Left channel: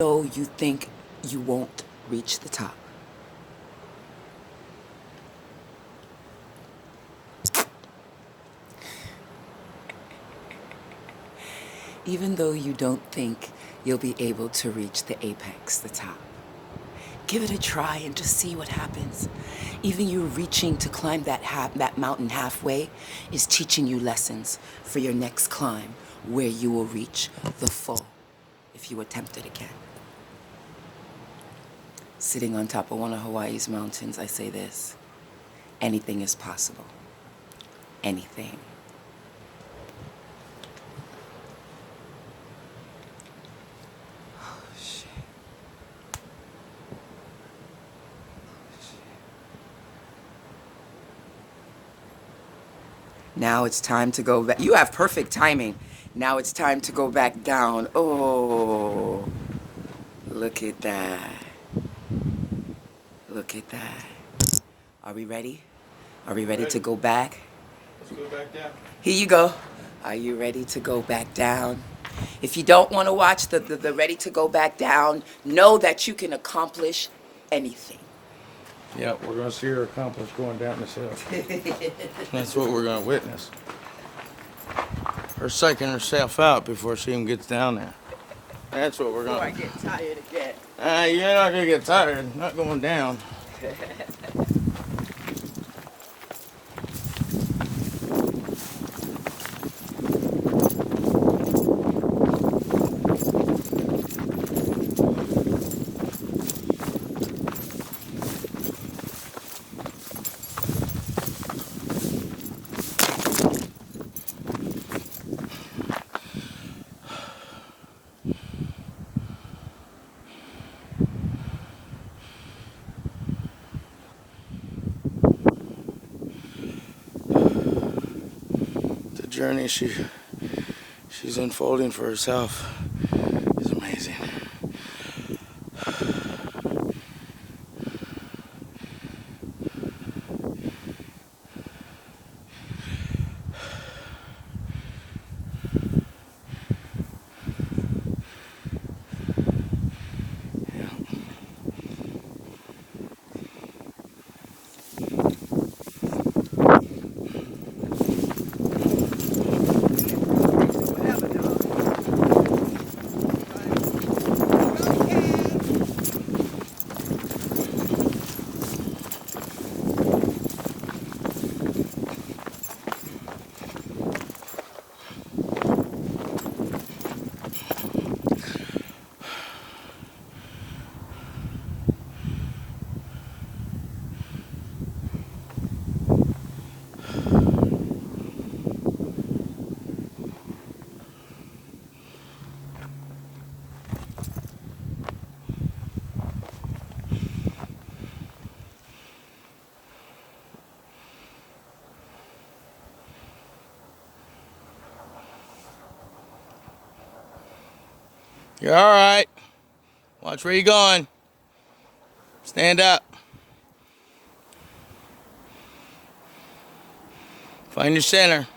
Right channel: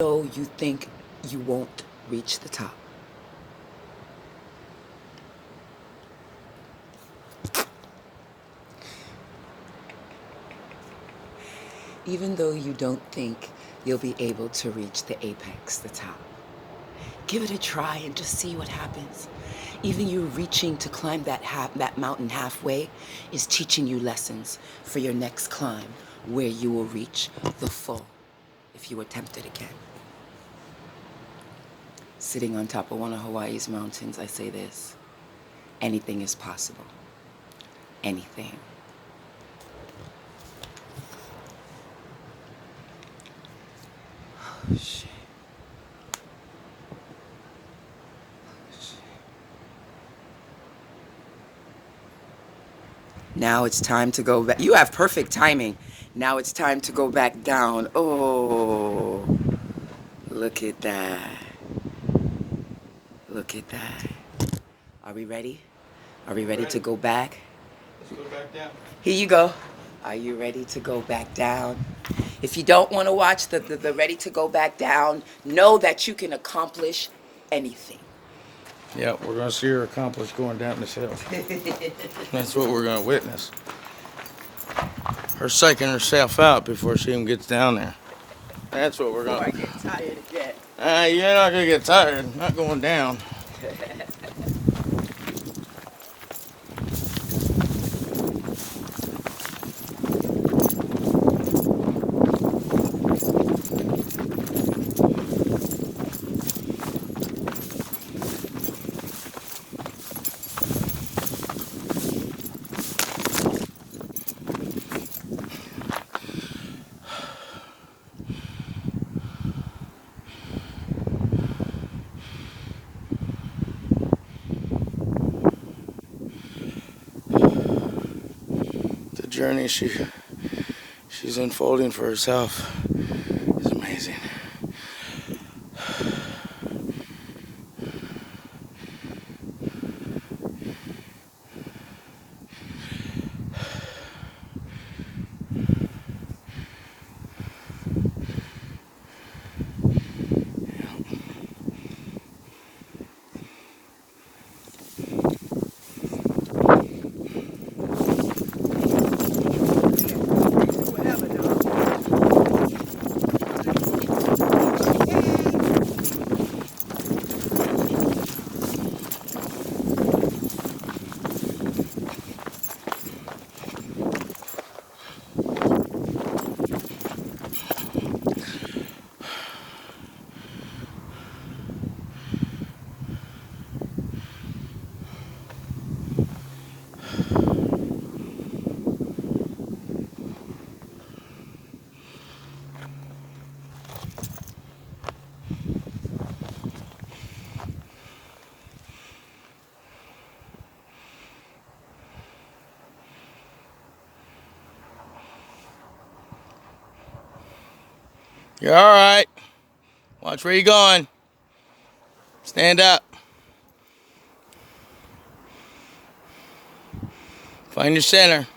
though you think you won't reach the top. Even though you don't think you'll be able to reach the apex, the top. Give it a try and just see what happens. Even you reaching to climb that mountain halfway is teaching you lessons for your next climb, where you will reach the full if you attempt it again. Sitting on top of one of Hawaii's mountains, I say this: anything is possible. Anything. Oh, shit. Now it's time to go back. You have perfect timing. Now it's time to go back down. Oh, look at that. Look at that. Are we ready? Are we ready to go back? Let's go back down. Here you go. Are you ready to go back down? If you don't want to watch the ready to go back down, know that you can accomplish anything. Yeah, we're going to see her accomplish going down this hill. That's what we're going to witness. Her psyching herself out before she even gets down there. That's what we're going to... Before I get tired again. You're not going to get tired. Not going down. The journey she's unfolding for herself is amazing. You're all right. Watch where you're going. Stand up. Find your center.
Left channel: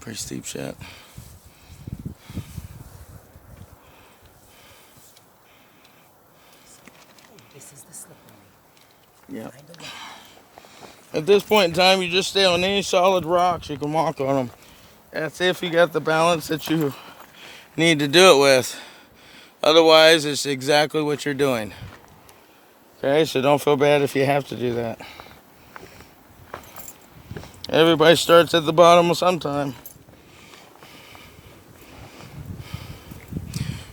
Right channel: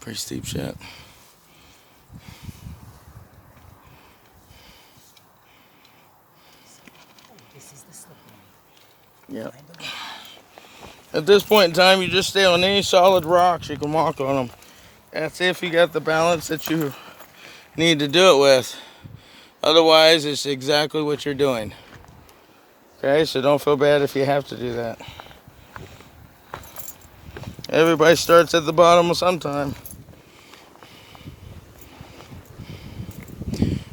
Pretty steep shot. This is the slip line. Yeah. At this point in time, you just stay on any solid rocks. You can walk on them. That's if you got the balance that you need to do it with. Otherwise, it's exactly what you're doing. Okay, so don't feel bad if you have to do that. Everybody starts at the bottom sometime.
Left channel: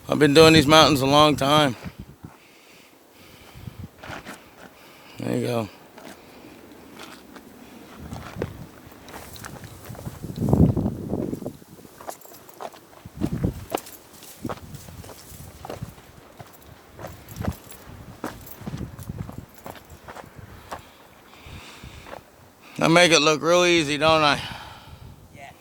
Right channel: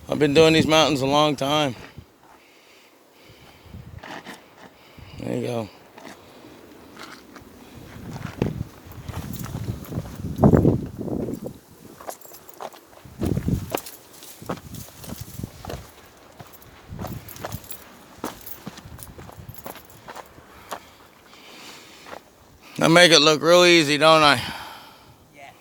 I've been doing these mountains a long time. There you go. I make it look real easy, don't I? Yes.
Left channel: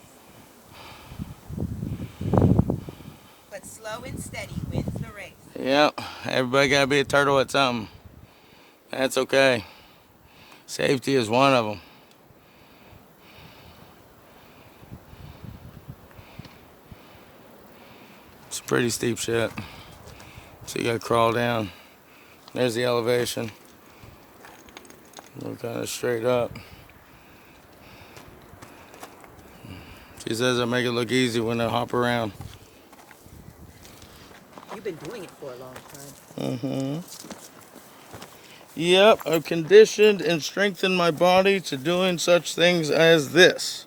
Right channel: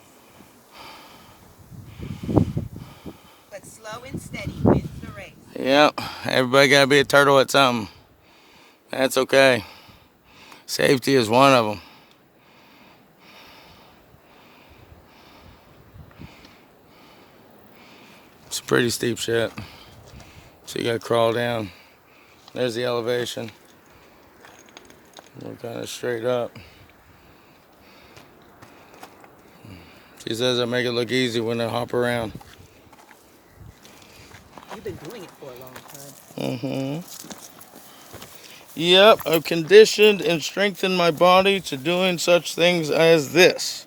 Slow and steady wins the race. Yep, everybody gotta be a turtle at something. That's okay. Safety is one of them. It's pretty steep shit. So you gotta crawl down. There's the elevation. We're kind of straight up. She says I make it look easy when I hop around. You've been doing it for a long time. Mm-hmm. Yep, I've conditioned and strengthened my body to doing such things as this.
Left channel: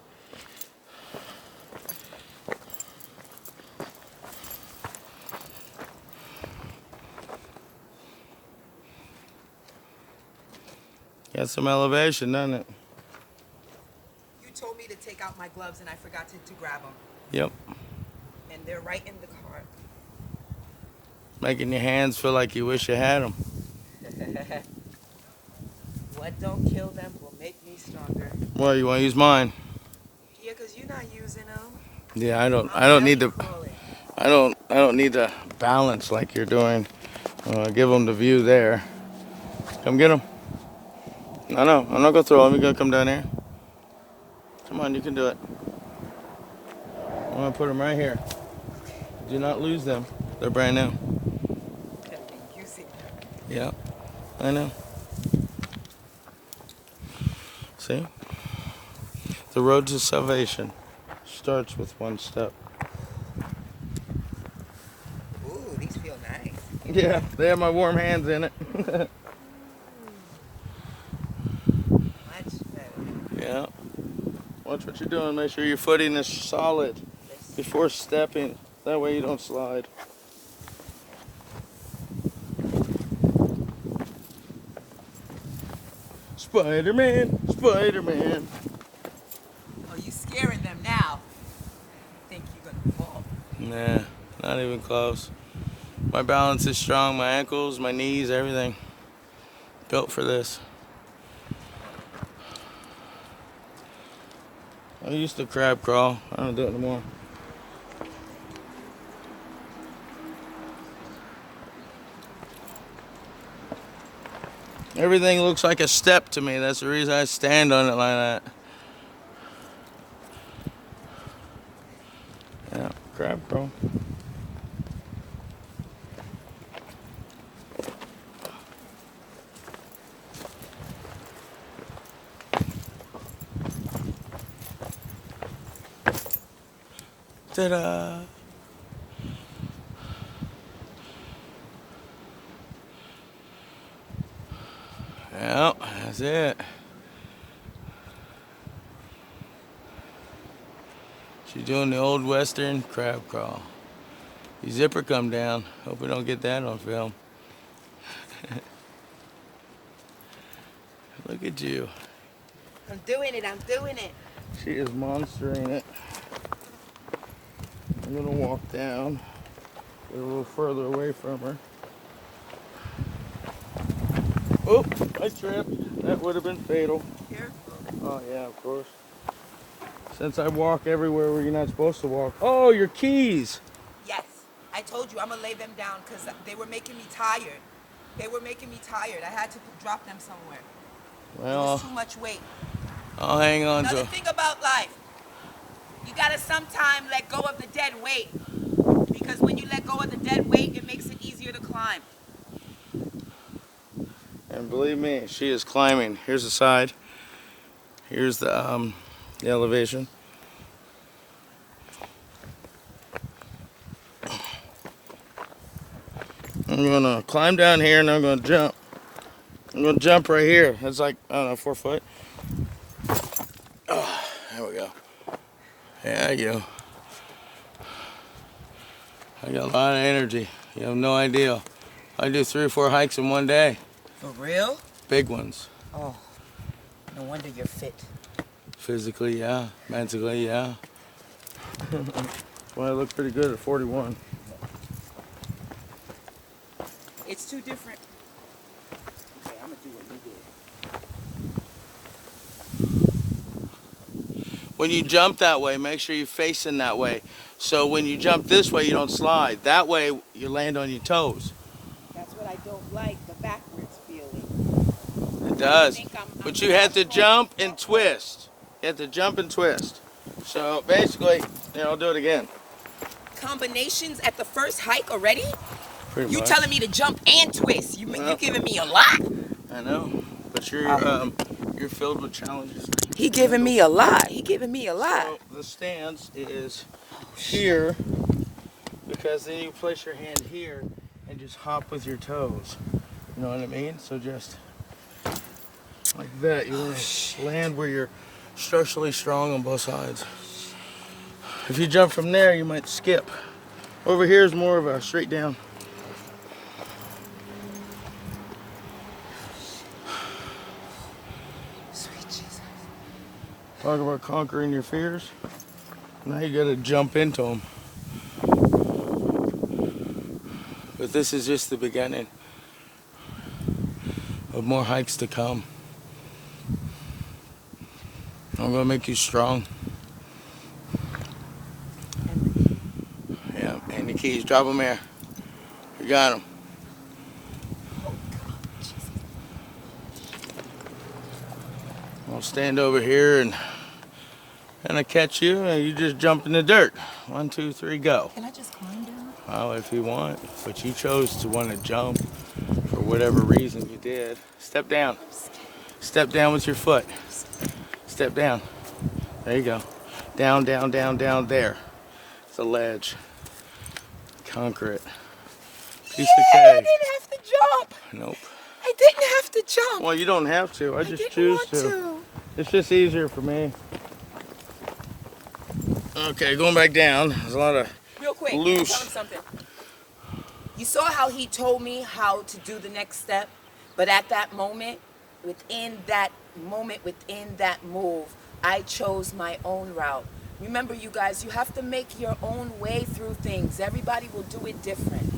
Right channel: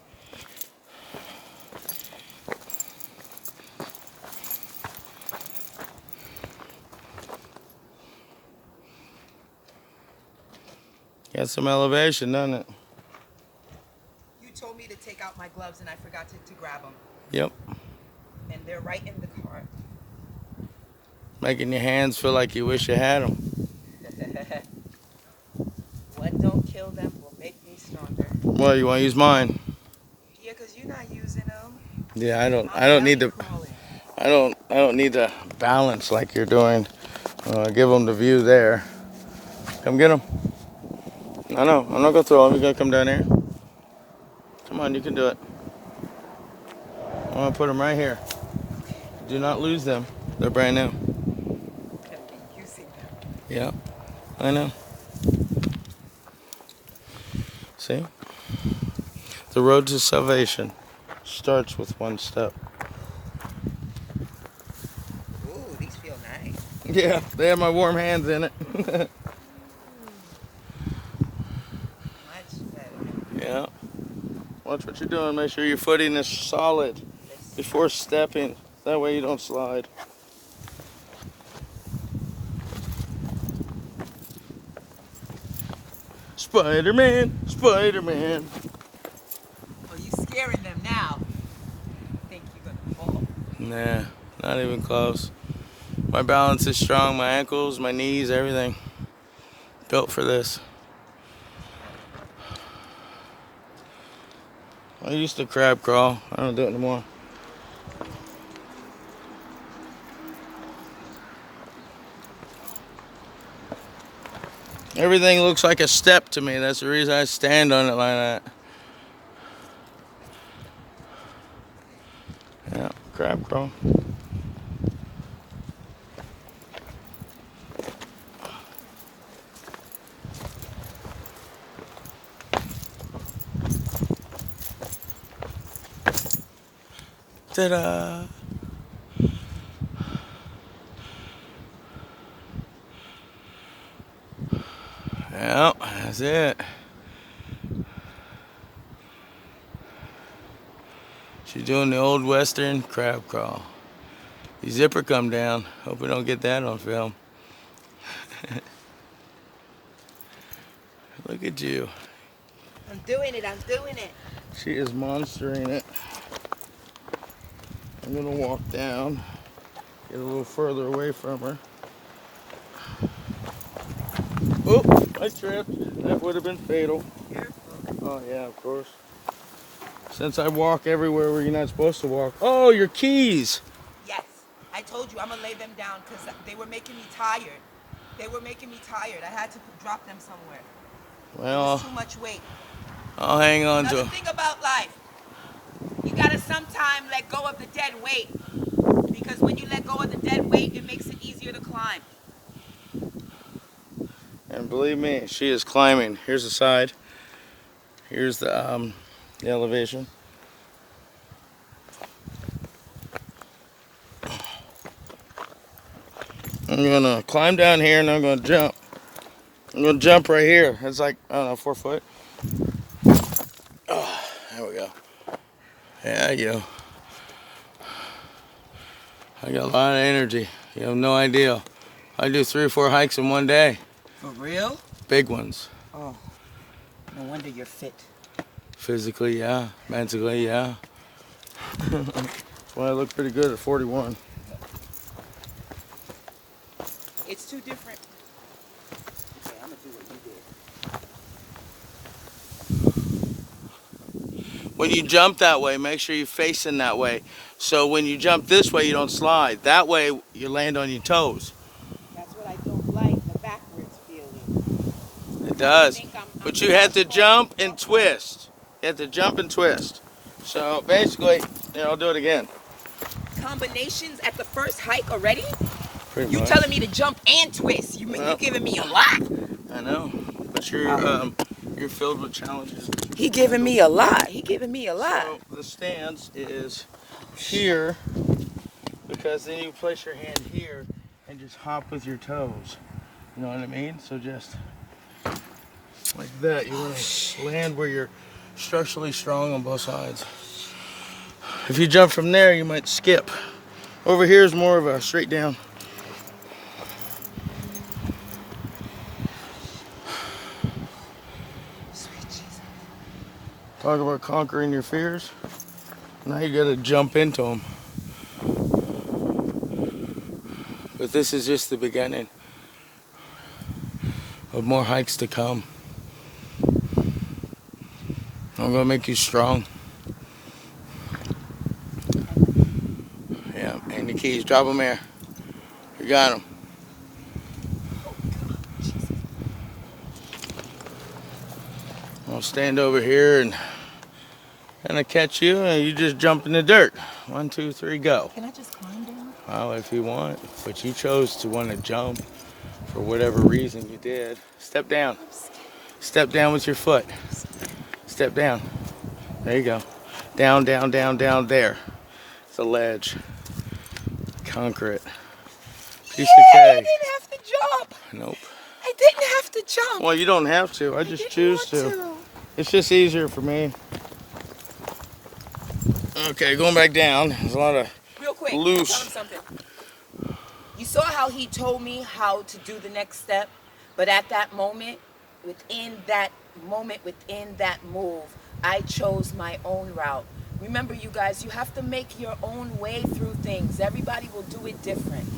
Got some elevation, doesn't it? You told me to take out my gloves and I forgot to grab them. Yep. And they're right in the car. Making your hands feel like you wish you had them. What don't kill them will make me stronger. Well, you want to use mine? Yeah, because you're not using them. Yeah, I don't need to. I don't need to balance like you're doing. Give them the view there. Come get them. No, I'm not gonna throw them. You're gonna come down here. Come on, you can do it. I'm gonna put them right here. Do not lose them. They're brand new. Gonna be using them. Yeah, I know. See? The road to salvation starts with one step. Ooh, these feel nice. Yeah, they have my warm hands in it. Much better. Yeah. Watch what you're doing. Make sure your footing is solid before stepping. That way you don't slide. Spider-Man, Spider-Man. Oh, you scaring them now. Think you're gonna fall. Nah, not even close. My balance is strong. My ankles, my knees, everything. Built for this. I used to crab crawl. I don't do it anymore. Everything looks like a step to me. That's the reason I stand on it like that. Yeah, crab crawl. Ta-da! Well, that's it. She's doing the old western crab crawl. Your zipper come down. Hope we don't get that on film. Look at you. I'm doing it. I'm doing it. She is monstering it. I'm gonna walk down, get a little further away from her. Oh, I tripped. That would have been fatal. Oh yeah, of course. Since I walk everywhere where you're not supposed to walk. Oh, your keys. Yes. I told you I'm gonna lay them down because they were making me tired. They were making me tired. I had to drop them somewhere. It was too much weight. I'll hang on to Another it. thing about life, you gotta sometime let go of the dead weight. Because when you let go of the dead weight, it makes it easier to climb. And believe me, she is climbing. Here's the side. Here's the elevation. I'm gonna climb down here and I'm gonna jump. I'm gonna jump right here. It's like, I don't know, 4 foot. Oh, there we go. Yeah, you. I got a lot of energy. You have no idea. I do 3 or 4 hikes in one day. For real? Big ones. Oh, no wonder you're fit. Physically, yeah. Mentally, yeah. That's why I look pretty good at 41. It's too different. Okay, I'm gonna do what you did. When you jump that way, make sure you're facing that way. So when you jump this way, you don't slide. That way, you land on your toes. That's what I don't like, the backwards feeling. It does. think But you have to jump and twist. You have to jump and twist. So basically, I'll do it again. Combinations at the first hike already? Pretty You much. telling me to jump and twist? You giving me a lot? I know. But you're filled with challenges. He giving me a lot. He giving me a lot. So the stance is here, because then you place your hand here and just hop with your toes. You know what I mean? So just like that. You want to land where you're structurally strong on both sides. If you jump from there, you might skip. Over here is more of a straight down. Sweet Jesus. Talk about conquering your fears. Now you got to jump into them. But this is just the beginning of more hikes to come. I'm gonna make you strong. Yeah, and the keys, drop them here. You got them. I'll stand over here and I catch you, and you just jump in the dirt. 1, 2, 3, go. Can I just climb down? Well, if you want, but you chose to want to jump for whatever reason you did. Step down. Step down with your foot. Step down. There you go. Down, down, down, down. There. It's a ledge. Conquer it. Piece of I cake. didn't have to jump. Nope. I didn't have to jump. Well, you don't have to. I just didn't choose want to. It's just easier for me. Okay, going back down. There's a lot of Real quick, loose. tell him something. You saw how he told me how to do the next step, but at that moment, within that move, I chose my own route. Remember, you guys, you have to make your own way through things. Everybody will do it different.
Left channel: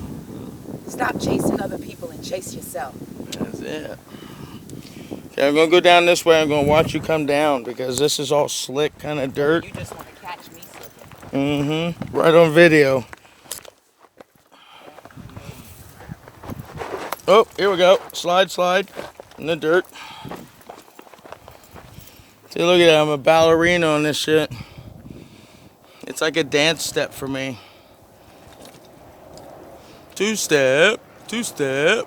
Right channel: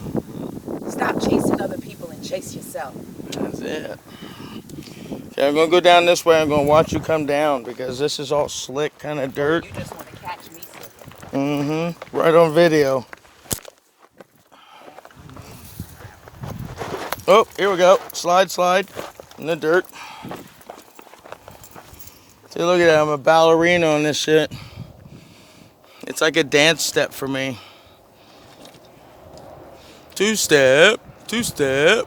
Stop chasing other people and chase yourself. That's it. Okay, I'm going to go down this way. I'm going to watch you come down because this is all slick kind of dirt. You just want to catch me slipping. Mm-hmm. Right on video. Oh, here we go. Slide, slide in the dirt. See, look at that. I'm a ballerina on this shit. It's like a dance step for me. Two step, two step.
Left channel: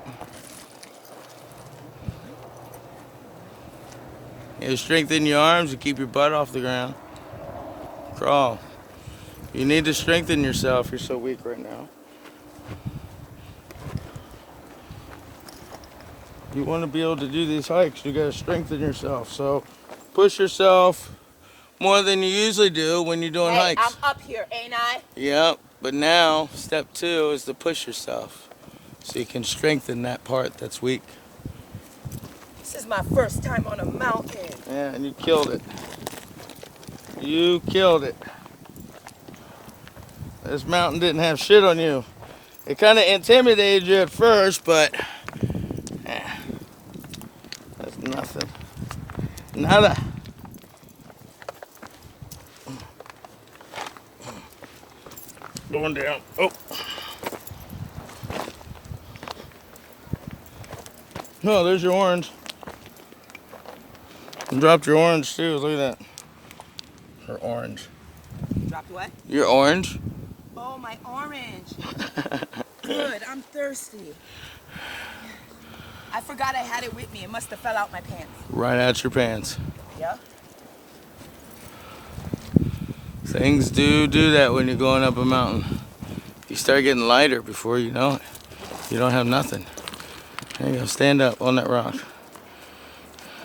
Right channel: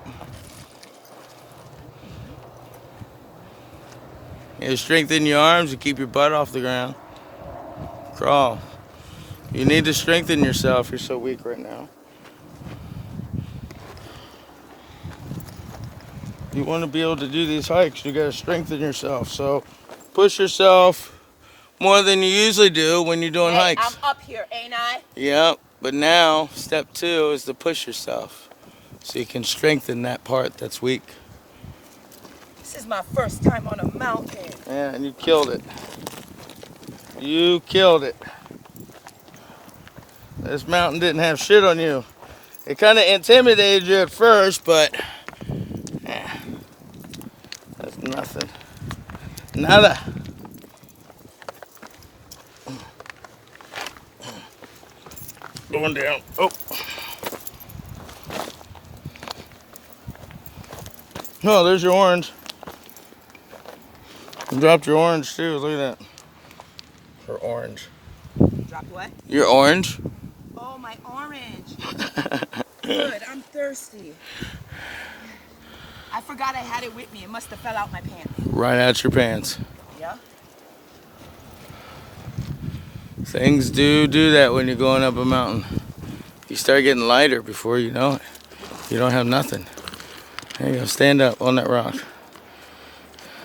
You strengthen your arms and keep your butt off the ground. Crawl. You need to strengthen yourself. You're so weak right now. You want to be able to do these hikes, you got to strengthen yourself. So push yourself more than you usually do when you're doing hikes. I'm up here, ain't I? Yep, but now step 2 is to push yourself so you can strengthen that part that's weak. This is my first time on a mountain. Yeah, and you killed it. You killed it. This mountain didn't have shit on you. It kind of intimidated you at first, but that's nothing. Nada. Going down. Oh. No, there's your orange. You dropped your orange too. Look at that. Her orange. Dropped what? Your orange. Oh, my orange. Good, I'm thirsty. I forgot I had it with me. It must have fell out my pants. Right out your pants. Yeah? Things do that when you're going up a mountain. You start getting lighter before you know it. You don't have nothing. There you go. Stand up on that rock.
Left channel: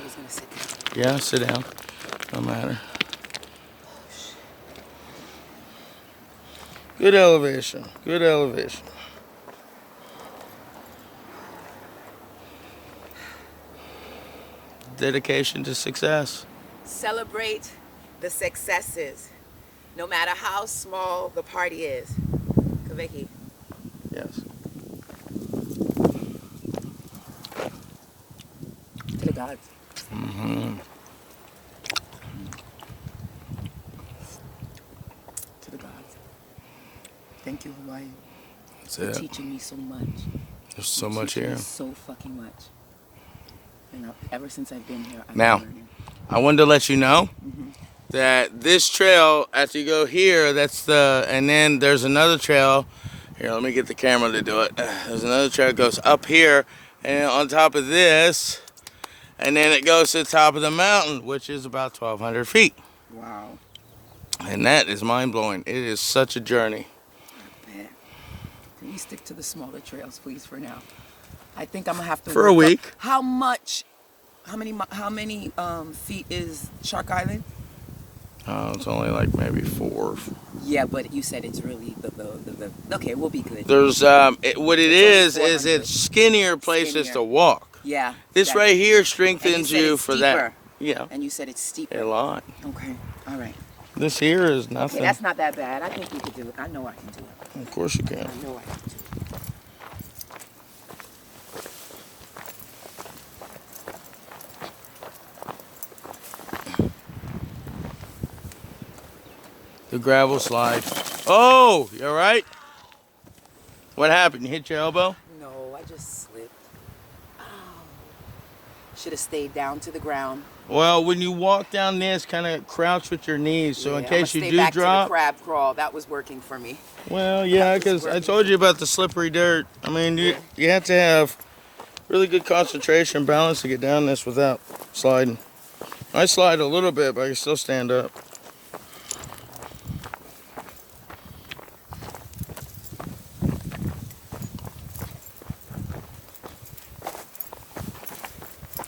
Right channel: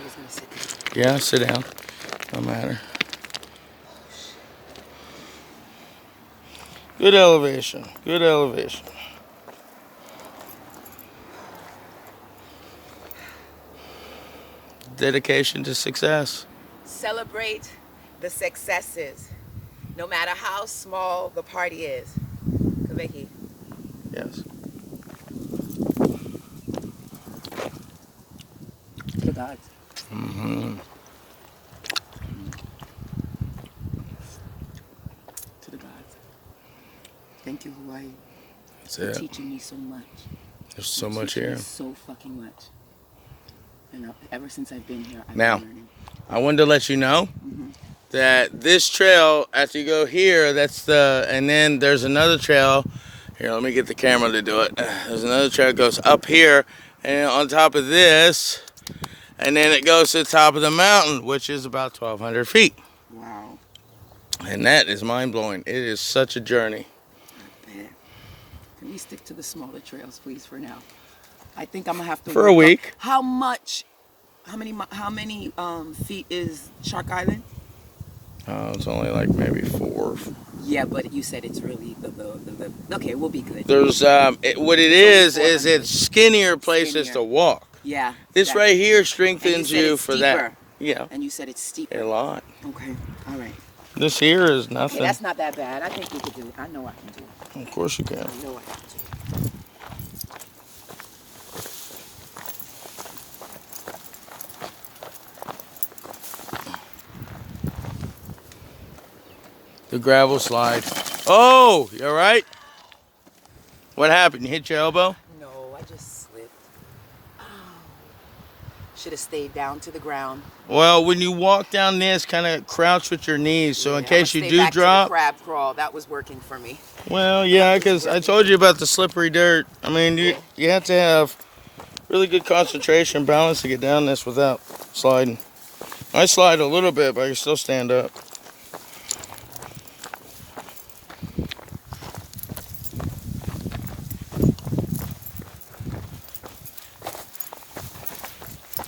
He's gonna sit down. Yeah, sit down. No matter. Good elevation. Good elevation. Dedication to success. Celebrate the successes, no matter how small the party is. Kaveki. Yes. To the gods. Mm-hmm. To the gods. Thank you, Hawaii, That's for it. teaching me so much. There's You're so much teaching me here. so fucking much. And ever since I've been here, I've Now, been learning. I wanted to let you know that this trail, after you go here, and then there's another trail. Here, let me get the camera to do it. There's another trail that goes up here, and on top of this, and then it goes to the top of the mountain, which is about 1,200 feet. Wow. And that is mind-blowing. It is such a journey. I bet. Can we stick to the smaller trails, please, for now? I think I'm gonna have to For a look up week. how much, how many feet is Shark Island? It's only like maybe 4. Yeah, but you said it's really the okay, we'll be good. There's what it It's only is 400. it's skinnier places Skinnier. to walk. Yeah. This right here And you strengthens said you it's for that. steeper. Yeah, And you said it's steeper. a lot. Okay. All right. This here is Okay, nothing. that's not that bad. I think we could do it. I know I can do it. Of course you can. I know I can do it. The gravel slides. Oh, you all right? What happened? You hit your elbow? No, I just slipped. Oh. Should have stayed down to the ground. Well, when you walk down this, kind of crouch with your knees, so in Yeah, case I'ma you stay do back drop. to the crab crawl. That was working for me. Well, yeah, That was because I working. told you about the slippery dirt. I mean, you have to have really good concentration, balance to get down this without sliding. I slide a little bit, but I can still stand up.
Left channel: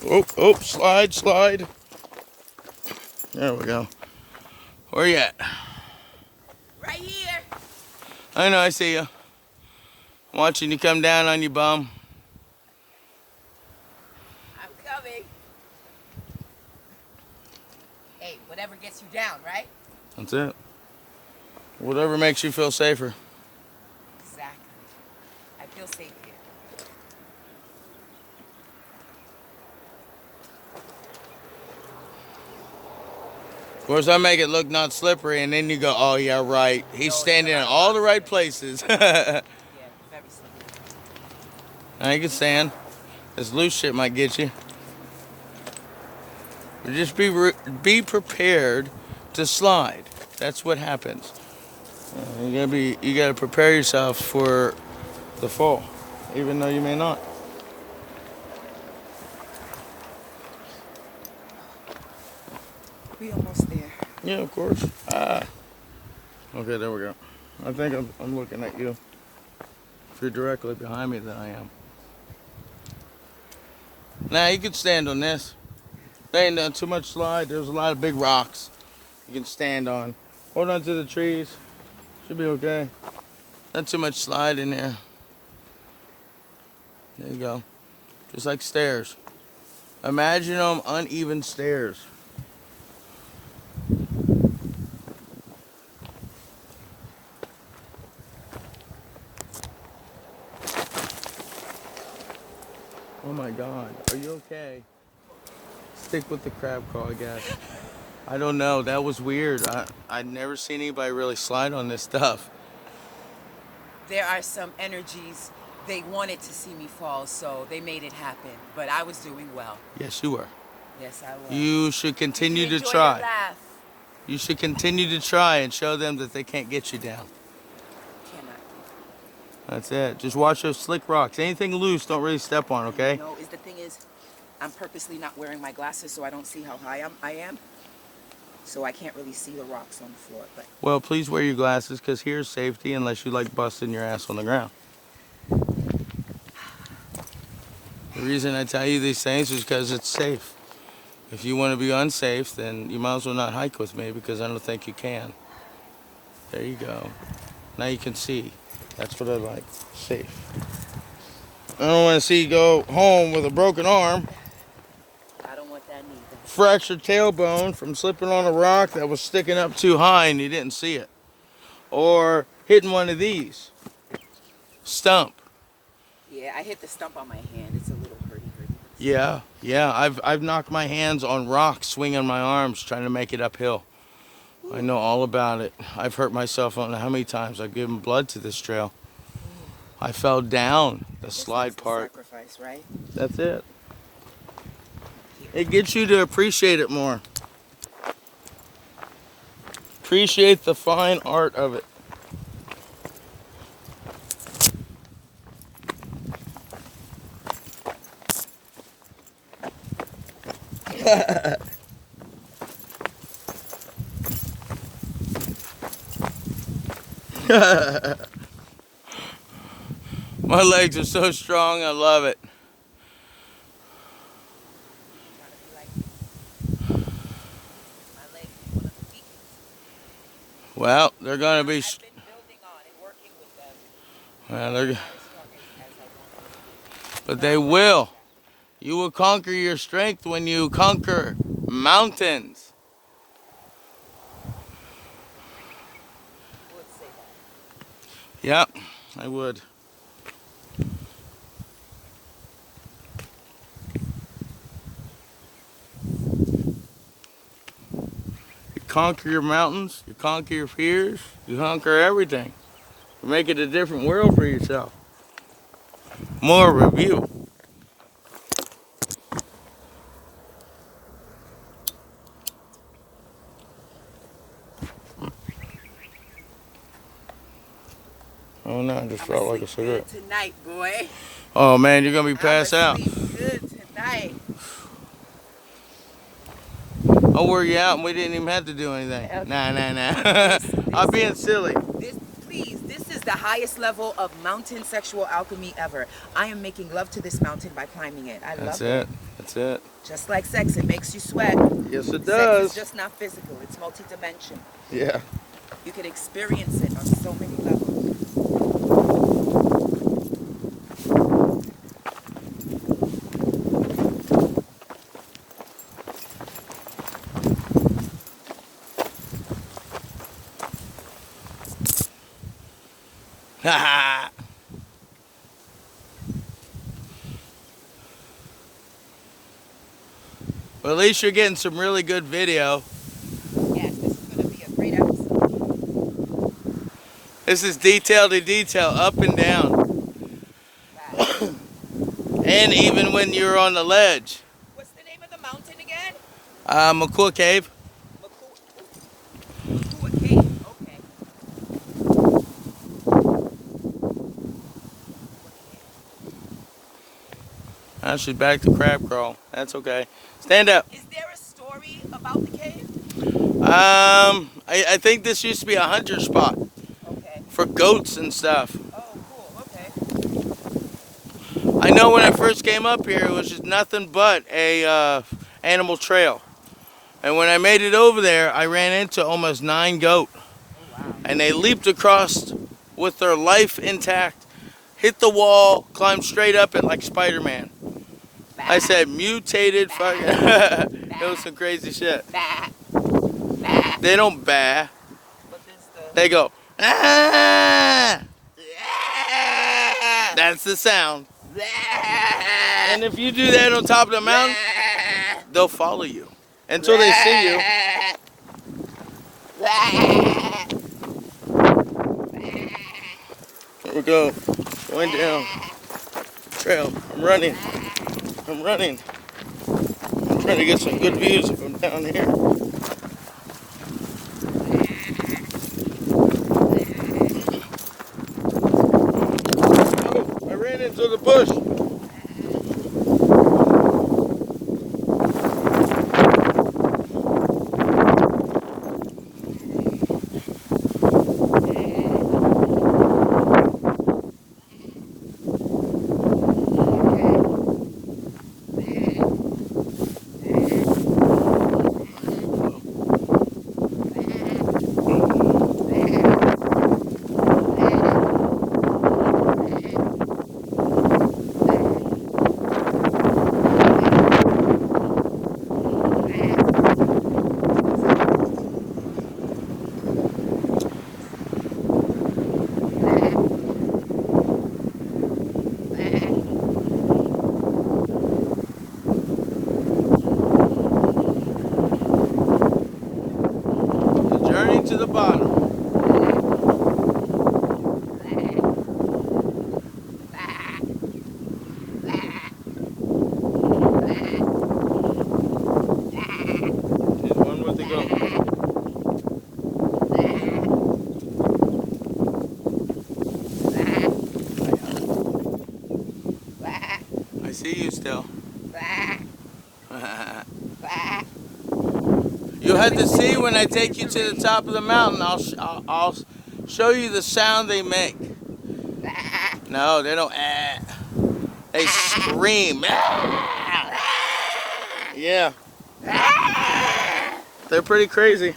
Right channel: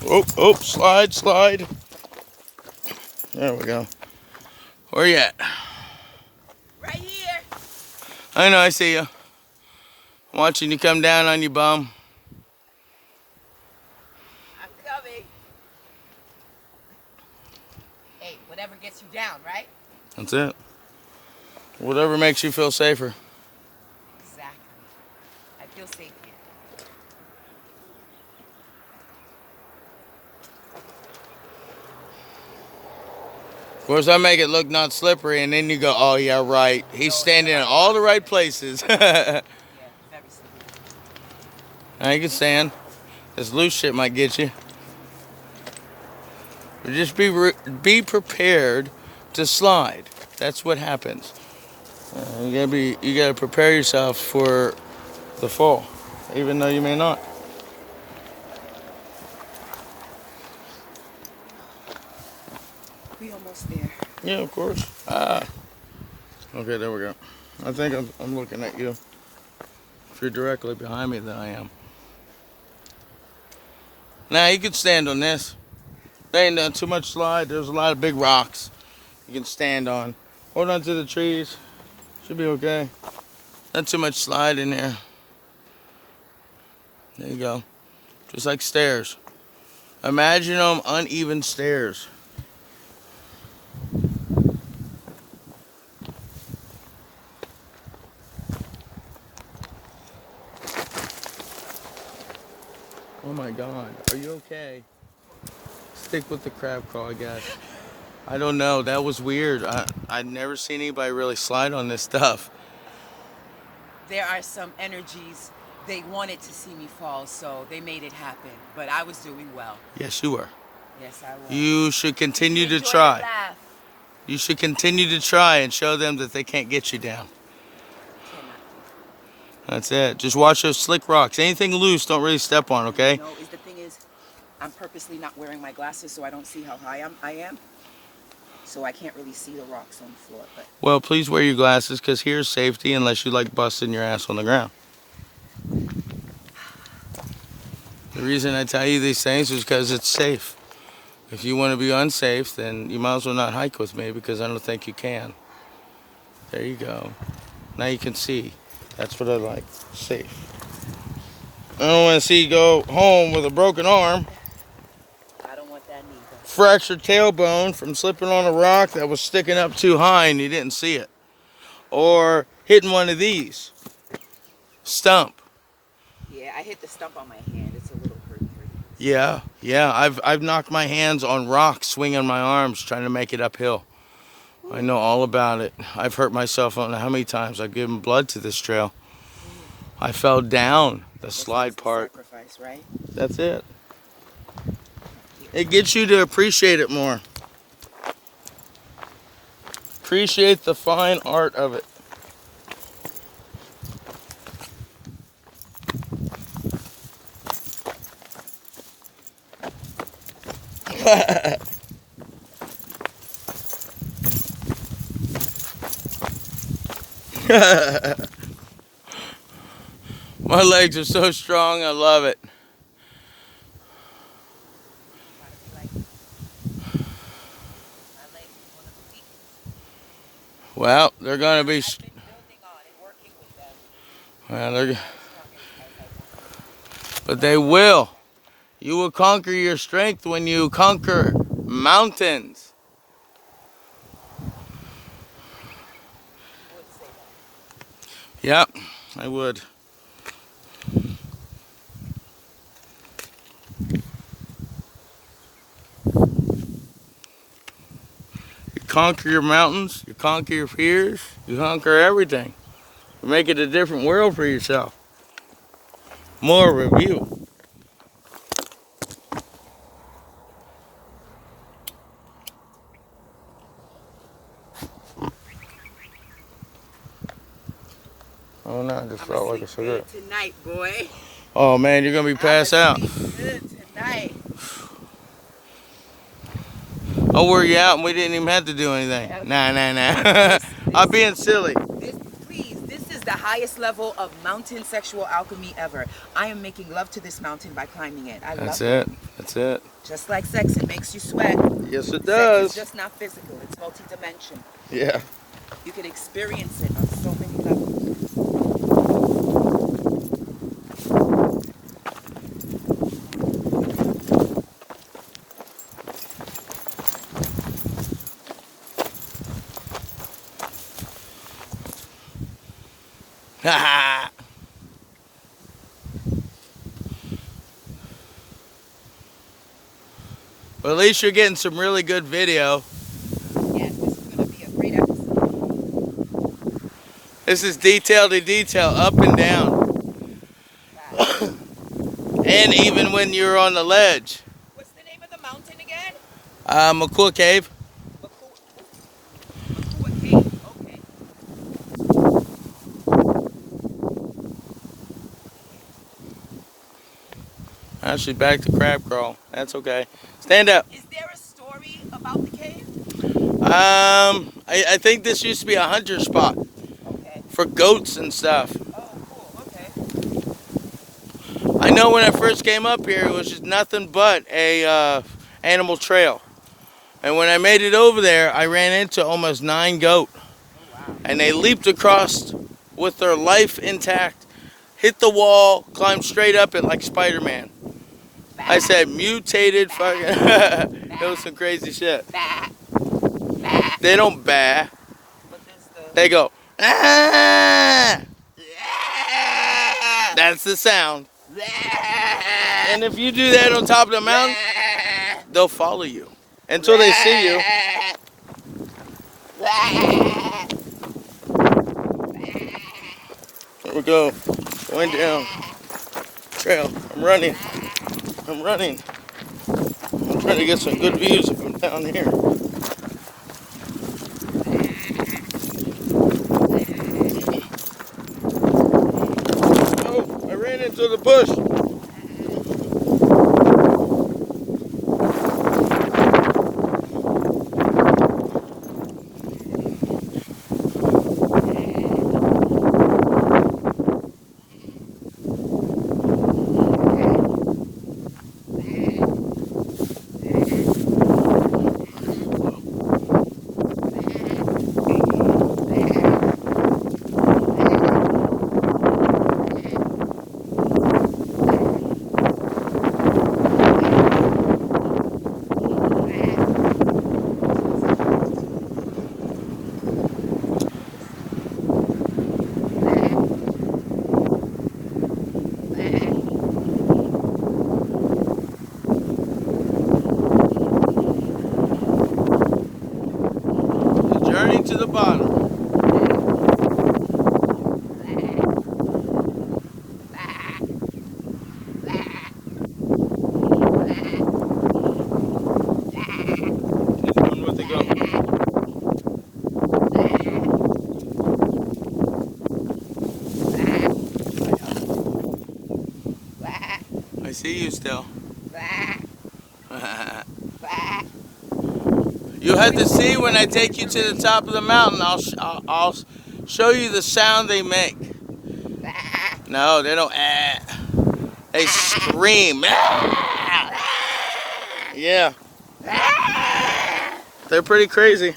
Oh, oh, slide, slide. There we go. Where you at? Right here. I know, I see you. Watching you come down on your bum. I'm coming. Hey, whatever gets you down, right? That's it. Whatever makes you feel safer. Exactly. I feel safe here. Of course, I make it look not slippery, and then you go, oh, yeah, right. He's standing in all the right places. Yeah, very slippery. I can stand. This loose shit might get you. But just be prepared to slide. That's what happens. You gotta prepare yourself for the fall, even though you may not. We almost there. Yeah, of course. Okay, there we go. I think I'm looking at you. If you're directly behind me, then I am. Now you can stand on this. There ain't too much slide. There's a lot of big rocks you can stand on. Hold on to the trees. Should be okay. Not too much slide in there. There you go. Just like stairs. Imagine them uneven stairs. Oh my God. Are you okay? Stick with the crab crawl, I guess. I don't know. That was weird. I'd never seen anybody really slide on this stuff. There are some energies. They wanted to see me fall, so they made it happen. But I was doing well. Yes, you were. Yes, I was. You should continue to Enjoy the try. laugh. You should continue to try and show them that they can't get you down. Cannot. That's it. Just watch those slick rocks. Anything loose, don't really step on, okay? No, the thing is, I'm purposely not wearing my glasses so I don't see how high I am. So I can't really see the rocks on the floor. But Well, please wear your glasses because here's safety unless you like busting your ass on the ground. The reason I tell you these things is because it's safe. If you want to be unsafe, then you might as well not hike with me because I don't think you can. There you go. Now you can see. That's what I like. Safe. I don't want to see you go home with a broken arm, I don't want that neither. fractured tailbone from slipping on a rock that was sticking up too high and you didn't see it. Or hitting one of these. Stump. Yeah, I hit the stump on my hand. It's a little hurty. Yeah. I've knocked my hands on rocks, swinging my arms, trying to make it uphill. I know all about it. I've hurt myself. I don't know how many times I've given blood to this trail. I fell down the slide part. Sacrifice, right? That's it. It gets you to appreciate it more. Appreciate the fine art of it. My legs are so strong, I love it. Well, they're going to be... Well, but they will. You will conquer your strength when you conquer mountains. Yep, I would. You conquer your mountains, you conquer your fears, you conquer everything. You make it a different world for yourself. More review. Oh no, I just felt like a cigarette. Tonight, boy. Oh man, you're gonna be passed out. Good tonight. I'll wear you out and we didn't even have to do anything. Nah. I'm being silly. This is the highest level of mountain sexual alchemy ever. I am making love to this mountain by climbing it. That's it. That's it. Just like sex, it makes you sweat. Yes, it does. Sex is just not physical, it's multi-dimensional. Yeah. You can experience it on so many levels. Ha. Well, at least you're getting some really good video. Yes, this is going to be a great episode. This is detail to detail, up and down. And even when you're on the ledge. What's the name of the mountain again? McCool Cave. Mutha Cave. Okay. Actually, back to crab crawl. That's okay. Stand up. Is there a story about the cave? I think this used to be a hunter spot. Okay. For goats and stuff. Oh, cool. Okay. I know when I first came up here, it was just nothing but a animal trail. And when I made it over there, I ran into almost 9 goat. Oh, wow. And they leaped across with their life intact, hit the wall, climbed straight up it like Spider-Man. I said, mutated fucking... It was some crazy shit. They don't bah. They go, ah! That's the sound. And if you do that on top of the mountain, they'll follow you until they see you. Here we go. Going down. Trail. I'm running. I'm trying to get some good views from down here. Oh, I ran into the bush. see you still. Bah, bah. You have to see when I take you to the top of the mountain. I'll show you the sound they make. Bah. No, they don't. They scream. Yeah, they're pretty crazy.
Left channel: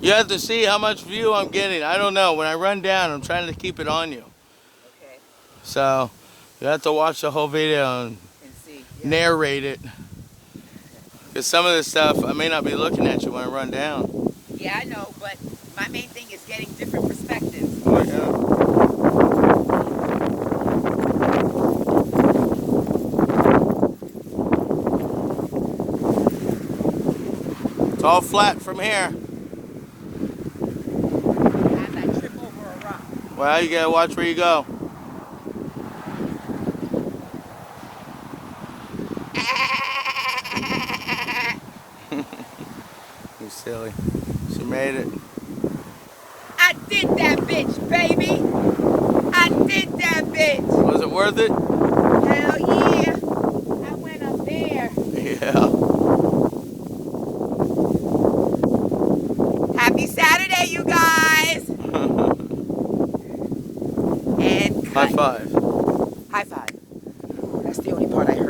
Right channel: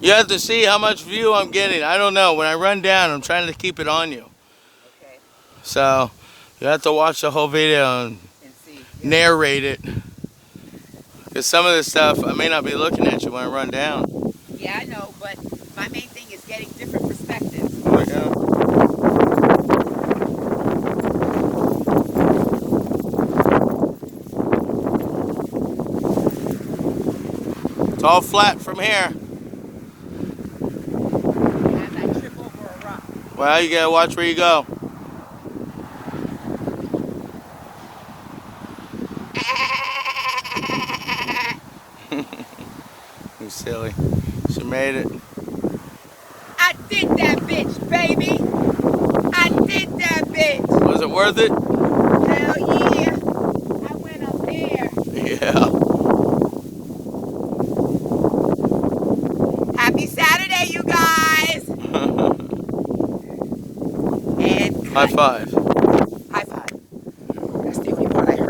You have to see how much view I'm getting. I don't know. When I run down, I'm trying to keep it on you. Okay, So you have to watch the whole video and and see. Yeah. narrate it. Because some of this stuff, I may not be looking at you when I run down. Yeah, I know, but my main thing is getting different perspectives. Yeah. It's all flat from here. As I trip over a rock. Well, you gotta watch where you go. You silly. She made it. I did that bitch, baby. I did that bitch. Was it worth it? Hell yeah. I went up there. Yeah. Happy Saturday, you guys. And High cut. five.